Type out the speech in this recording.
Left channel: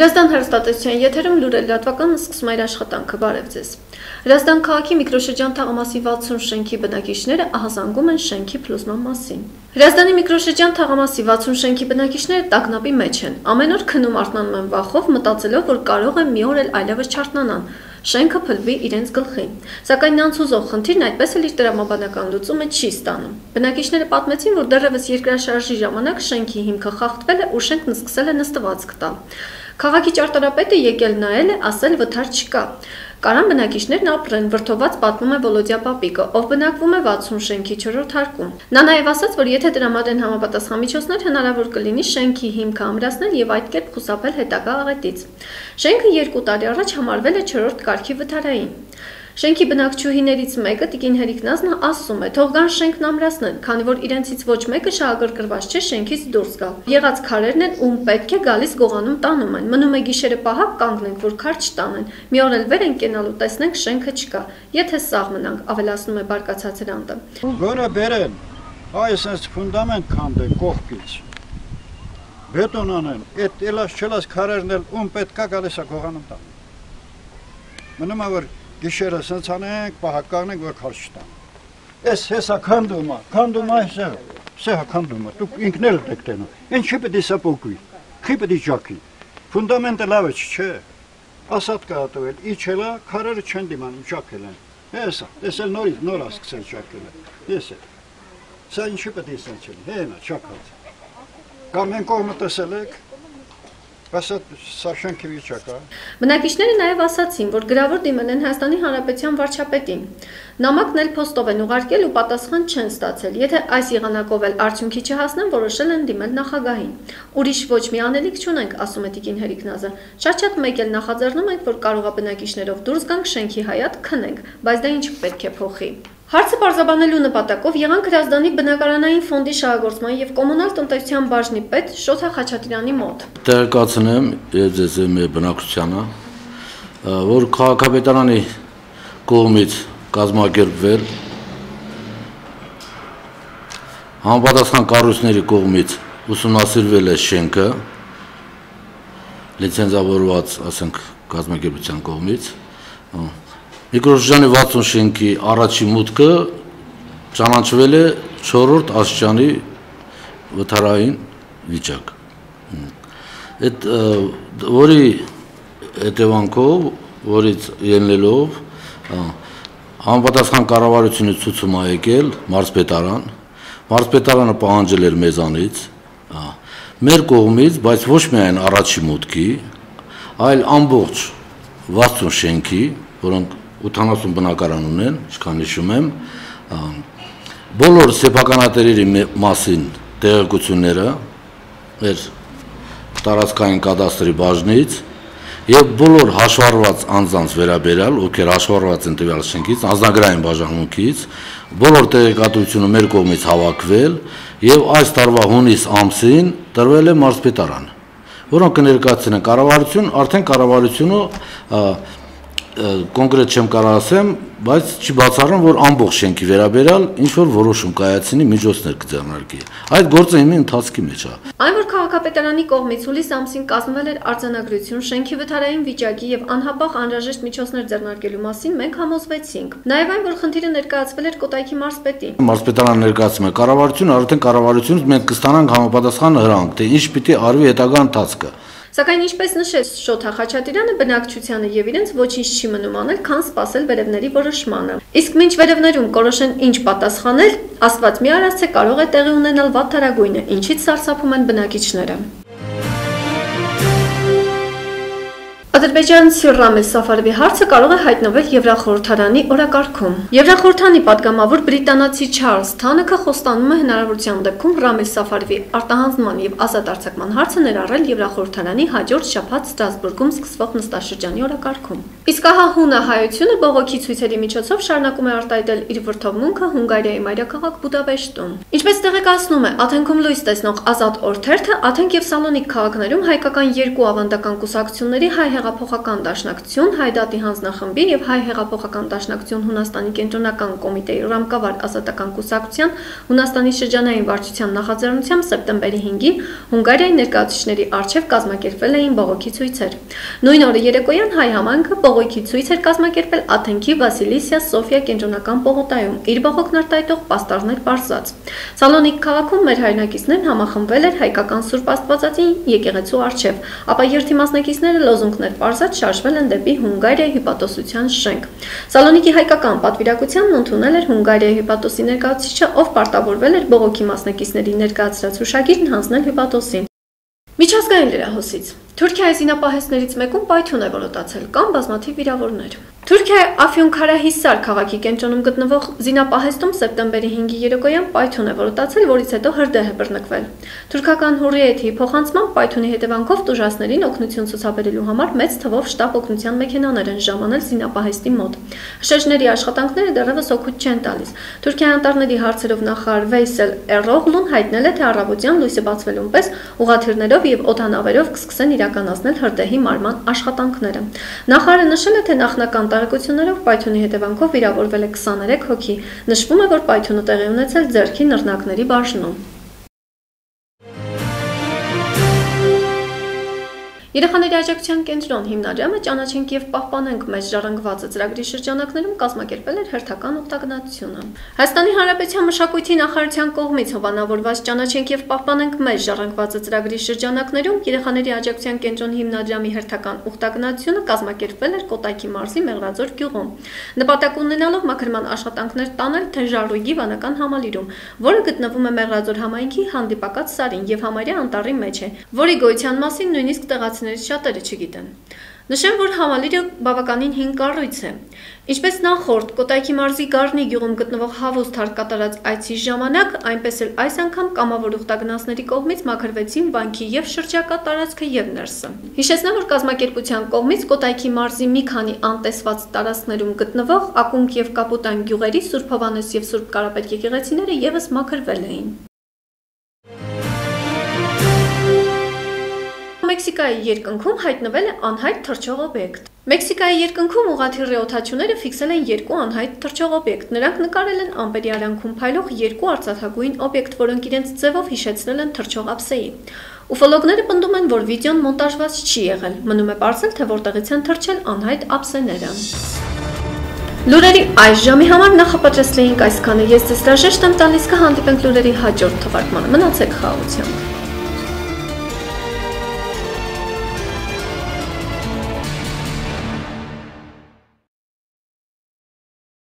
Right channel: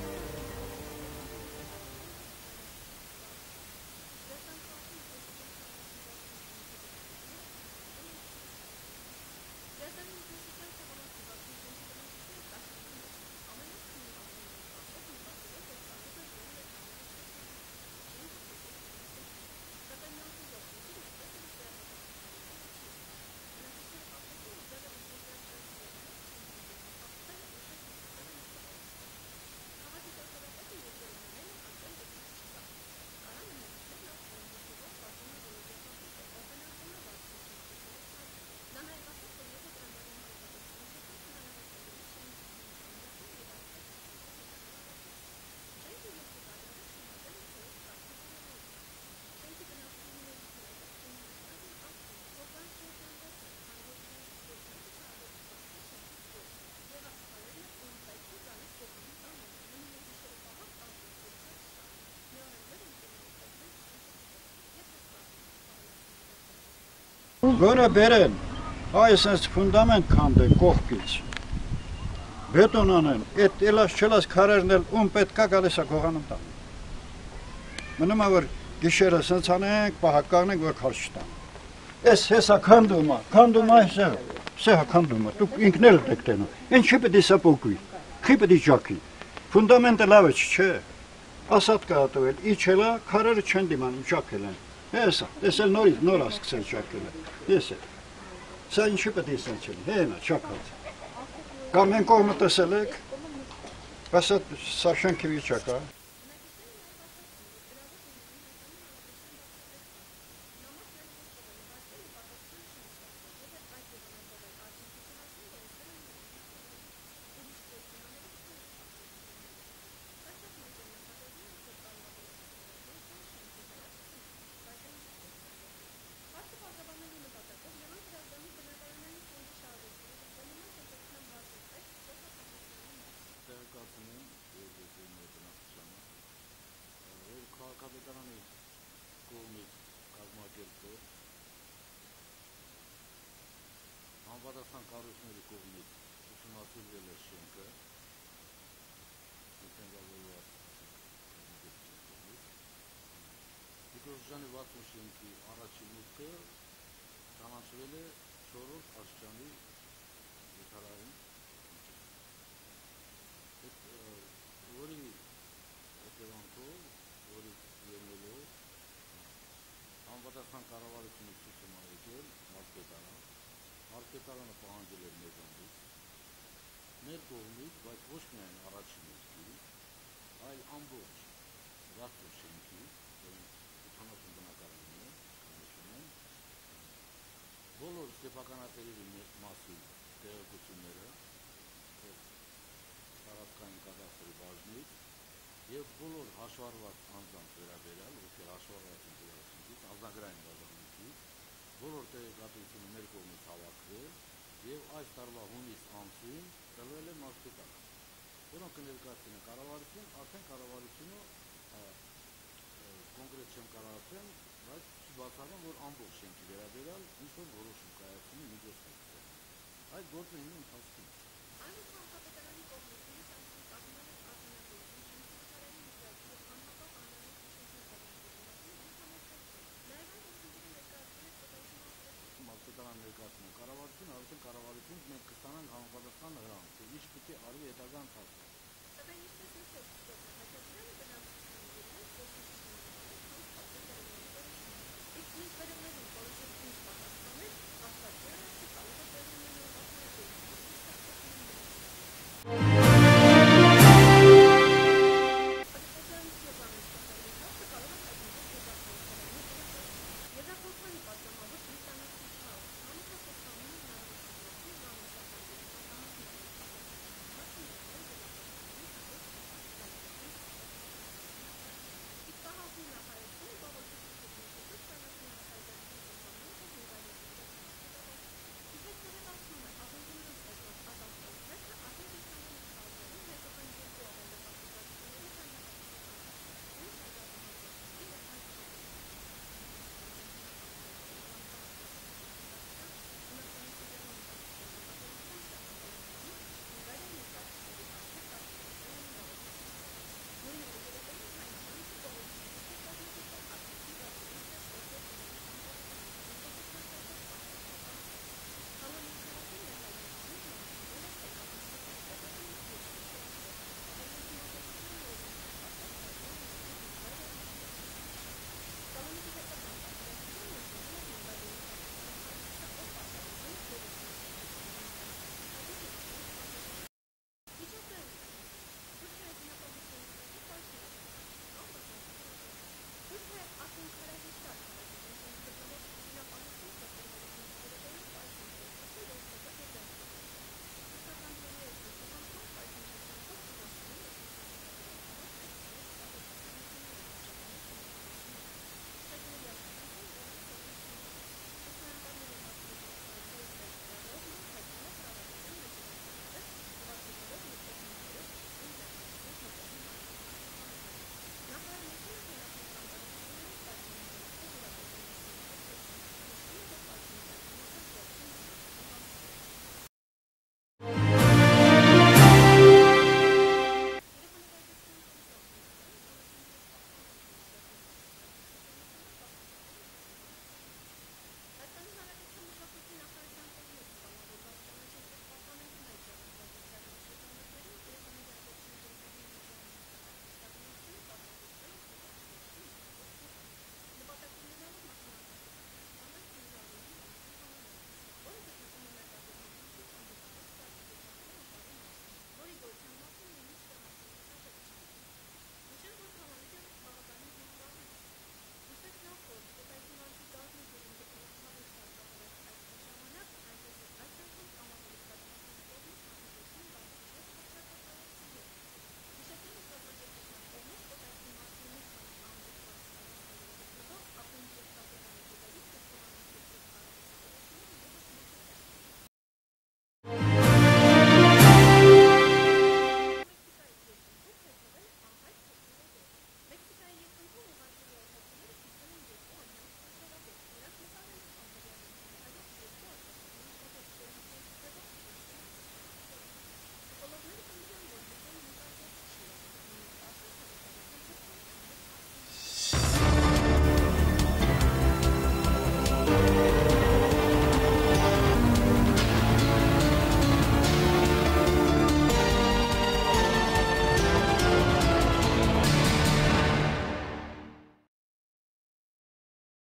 Հրազդան հեռուստատեսության եթերում լուրեր լրատվականն սկսում է իր աշխատանքը, բարև ձեզ։ Հրազդան քաղաքի միկրոշրջան թաղամասի 60 շենքի բնակիչները ահազանգում են շենքի փլուզման մասին։ Հրազդանի միկրոշրջան թաղամասի 60 շենքի բնակիչները տագնապի մեջ են։ Ամեն օր քնում արթնանում են վախով, մտածելով, որ կարող է մի օր էլ այլևս չարթնանան։ Շենքը փլվի իրենց գլխին։ Սակայն նրանց հուզող խնդիրն այդպես էլ իր տրամաբանական լուծումը չի ստանում։ Բնակիչները պատմեցին, որ դեռևս երկրաշարժի ժամանակ շենքի հիմքը խախտվել է ու շենքն սկսել է նստվածք տալ։ Քաղաքի ճարտարապետը եկել նայել է, ասել վթար չկա։ Կարան բնակիչներն ապրեն, վրդոված պատմում է Վոլոդյա Պապիկը, ով բնակվում է 60 շենքի 4-րդ հարկում։ Նա նաև ասաց, որ եթե տրամադրեն համապատասխան միջոցներ, հնարավոր կլինի շենքի հիմքը ամրացնել եւ այդ կերպ խուսափել հետագա աղետից։ Շենքը 2 տարի առաջ համարվել է 4-րդ կարգի վթարային։ Շենքի բնակչուհիներից մեկը Տիկին Հերիկնազն ասում է, թող գան շենքն ամրացնել, քանի որ իրենցից ոչ մեկը շահագրգռված չէ շենքից դուրս գալ։ Եղած քարերն են, ում պետք է գալիս գողանում տանում են։ Մնում է գիշերը պահակ կանգնենք, որ քար չտանեն։ Մի օր էլ վեր են կենալու, տեսնենք շենքը չկա։ Եթե սաղ մնանք, ավելացնում է բարկացած Հրանտը։ Որը բերեն, այսպես ֆունդամենտ քանդեն կողքից։ Բետոն անեն, այդ ելած չելած քարերն էլ ում պետք է գալիս է գողանում տան։ Մնում է որ Գիշերը սենց անենք, պահակարնենք, որ քար չտան։ Ես հեսա քանդում է, սեհա քանդում է, դուք ինքնել եք տենում, ինչի պետք է սապոկվի, խի պետք է ճակի, ֆունդամենտը լավը չէ, ասատ կա հատվել, իչելա, քարերը չեն դիմանում, ճակել են, հեսա, ես էլ նոր ասկսել ճակել են, ես էլ, սա ինչի պետք է սենց չեն, հենա, ճակած, կամ են կողմը տեսել եք, Բնակիչները նաև ասացին, որ գրավոր դիմել են Հայաստանի Հանրապետության վարչապետին։ Նամակն էլ փոստով են ուղարկել ու պատասխան չեն ստացել։ Եթե այս եղանակով էլ արդյունքի չհասնեն, որոշել են դիմել նախագահին։ Ուրիշ ոչ մի անելիք չունենք, ասում է Տիկին Հերիկնազը։ Շատ մեկ էլ նախաձեռնում ենք, որ կարող է բնակիչներով դուրս գանք շենքի հայատ քնենք, բայց դա ինչ պետք է փոխի։ Հարցը պարզաբանելու նպատակով եղանք Հրազդանի բնակարանային ֆոնդի շահագործման եւ կոմունալ տնտեսության բաժնի պետ Շոթա Խաչատրյանի մոտ։ Տեղեկացնեմ եւ ձեզ մեր բնակչությանը, որ քաղաքապետարանի կողմից կազմակերպվել համապատասխան կառույցների կողմից ուսումնասիրվել է շենքը լիցենզավորված, ասենք, կազմակերպության կողմից Միկրոշրջանի 60 շենքի առաջի մուտքը ճանաչվել է 4-րդ աստիճանի վթարային վիճակ։ Այդ որի հետևանքով, որից ելնելով համապատասխան կառավարությունը ցույցում է եկել մարզպետարան, մարզպետարանը պահանջել էր մեզանից, մեր կողմից, բայց ոչ միայն առաջի մուտքի, այլ ամբողջ 60 շենքի, որոնք 80 բնակարան ունեն, ինչքան հիշում եմ, բոլոր սեփականատերերի մասին տեղեկությունները մեր տարածքային կադաստրի բաժնից եւ բոլոր հաշվառված անձանց վերաբերյալ, ովքեր հաշվառված են տվյալ շենքից, անձնագրային բաժանմունքից, բոլոր տեղեկատվությունը մեր կողմից հավաքվել եւ այս տարվա հունիս ամսին տրվել է մարզպետարան, որոնք կներկայացնեն կառավարություն, արդեն կառավարությունը կոնկրետ չեմ կարող ասեմ, բայց չի բացառում, որ ամբողջ շենքի վերաբերյալ ինչ-որ որոշում կայացնի, միջոցներ կձեռնարկի։ Այդ գործը հիմա ընթացքի մեջ է։ Այն, որ քաղաքապետարանի կողմից հուլիս ամսին կազմվել էր արձանագրություն շենքի վթարային վիճակի եւ անհապաղ անհրաժեշտ միջոցներ ձեռնարկելու մասին, մենք համոզվեցինք։ Նաեւ այն, որ խնդիրը ներկայացվել էր Կոտայքի մարզպետին։ Մարզպետարանը ներկայացում է կառավարությունը, արդեն կառավարությունից մենք կստանանք համապատասխան հրանք, թե ինչ պիտի արվի հետագա ընթացքը։ Սակայն ինչպես նշեց Շոթա Խաչատրյանը, բնակչությանը եւ իրենց ոչինչ չի մնում անել, քան սպասել վերևների որոշմանը։ Իսկ մինչ վերևներում կորոշեն ինչ պատասխանել, Աստված մի արած թե կարող է տեղի ունենալ վատթարագույնը, ինչից սարսափում են բնակիչները։ Ադրբեջանցի Ռամիլ Սաֆարովի հարցը կարող է հայտնվել Եվրախորհրդարանի օրակարգում։ Եվրախորհրդանի պատգամավոր բրիտանացի Չարլզ Թանոքը խոստանում է հնարավորության դեպքում Ռամիլ Սաֆարովի արտահանձնման եւ ազատ արձակման հարցը ներառել Եվրախորհրդարանի հաջորդ շաբաթ Ստրասբուրգում սկսվող նստաշրջանի օրակարգում։ Իսկ ահա հունա հայությունը բողոքի ցույցերի միջոցով շարունակում է արտահայտել իր վրդովմունքը Հունգարիայի մայրաքաղաք Բուդապեշտում։ Ինչպես տեղեկացնում է Աթենքում լույս տեսնող Ազատ օրթերթը, Աթենք եւ Սալոնիկ քաղաքներում հայկական երկու ավանդական կուսակցությունների հայ հեղափոխական դաշնակցություն, Հայ դատի հանձնախմբի եւ Հայ հեղափոխական դաշնակցություն Հունաստանի կենտրոնական կոմիտեի ռամկավար ազատական կուսակցության Հունաստանի շրջանային վարչության նախաձեռնությամբ սեպտեմբերի 5-ին Հունգարիայի ներկայացուցիչների առջև կազմակերպվել էին բողոքի ցույցեր։ Նույն օրը երեկոյան Հայ համայնքը բողոքի ցույց էր կազմակերպել Աթենքի Վասիլիսիա Սոֆիա կենտրոնական պողոտայում, իր բողոքն արտահայտող պաստառներ պարզած։ Սալոնիկ քաղաքում մեր հայրենակիցներն համախմբվել էր հայկական Սուրբ Աստվածածի եկեղեցու առջև, ապա երթի մասնակիցները լոզունգներ պարզած շարժվել են դեպի Հունգարիայի հյուպատոսության շենք։ Սալոնիկի հայկական պատվիրակությանն ընդունել էր Հունգարիայի հյուպատոսի ներկայացուցիչը, ով պարտավորվել էր բողոքի մասնակիցների ներկայացրած հուշագիրն հանձնել հյուպատոսին։ Միջազգային լրահոսից Թուրքիայի զինապահեսներից մեկում պայթյուն է որոտացել, կան բազմաթիվ վիրավորներ։ Թուրքիայի Աֆյոնքարահիսար քաղաքի կենտրոնում գտնվող զինապահեստում սեպտեմբերի 5-ի երեկոյան պայթյուն է որոտացել, որից հետո հրդեհ է բռնկվել։ Թուրքական Հուրիեթի փոխանցմամբ պայթյունի հետևանքով տուժածներին օգնություն ցուցաբերելու համար մեծ թվով շտապ օգնության մեքենաներ են ժամանել զինապահեստի մոտ։ Հրշեջների աշխատանքները դեռևս օգուտ չեն տալիս։ Թուրքիայի անտառների հարցերով նախարար Վեյսել Էրօղլուն հայտնել է, թե առավոտյան լույսը բացվելուն պես ուղղաթիռներով եւ օդանավերով կսկսեն իրականացնել հրդեհի մարման աշխատանքները։ Նախարարը նշել է, թե նախնական տարեկություններով պայթյունի հետևանքով վիրավորվել է 23 հոգի։ Նշվում է, որ պայթյունը տեղի ունեցել ձեռքի նռնակների բաժնում։ Երեխաների աջակցության կենտրոն հիմնադրամը «Ճանաչենք եւ պահպանենք մեզ ժառանգվածը» ծրագրի շրջանակներում կազմակերպել էր հերթական օգտագնացությունը։ Հայաստանի Հանրապետության մշակույթի նախարարության կողմից հովանավորված «Ճանաչենք եւ պահպանենք մեզ ժառանգվածը» ծրագրի շրջանակներում երեխաների աջակցության կենտրոնի հիմնադրամի հերթական օգտագնացությունը կազմակերպվել էր Կոտայքի մարզի Մեղրաձոր գյուղում։ Նպատակ ունենալով մաքրման աշխատանքներ տանել Թեժարույգի վանական համալիրում, որը գտնվում է Մեղրաձոր համայնքի հանդիպակաց սարին եւ համարյա անտառի մեջ է, որի գոյության մասին նույնիսկ տեղացիներից շատերը չգիտեն։ Նշեմ, որ համալիրը բավականին հին կառույց է։ Ինչպես նախորդ Կոտայքի մարզի Գառնի գյուղում գտնվող Հավուս թարք կատարած այցի ժամանակ, այնպես էլ այս անգամ կամավոր ուխտագնացների կողմից մաքրվեցին վանքի եւ շրջակա տարածքը եւ ներսը։ Հիշեցնեմ, որ կազմակերպության կողմից Կոտայքի մարզի մի քանի անտեսված տարածքներում գտնվող Ակունք եւ Կապուտան գյուղերի Սուրբ Հովհաննես եւ Սուրբ Կարապետ եկեղեցիները եւս մաքրվել էին։ Մեքսիկայի երկնքում հայտնվել է անհայտ թռչող օբյեկտ։ Մեքսիկայի երկնքում ուղղաթիռի օդաչուները ֆիքսել են երկու անհայտ թռչող օբյեկտ։ Նրանք նկարել են ամպերի արանքում փայլող երկու արծաթագույն օբյեկտ, որոնք իրենց ձևով հիշեցրել են թռչող ափսեի։ Ուֆոլոգները պնդում են, որ վիդեոն մոնտաժված չի եղել։ Մնում է պարզել, թե որտեղից են թռչել անհայտ ափսեները։ Լուրերի այս ժամի համար նախապատրաստել էինք այսքանը։ Ես ձեզ հրաժեշտ եմ տալիս, կհանդիպենք լուրերի հաջորդ թողարկմանը։ Մնացեք խաղաղությամբ։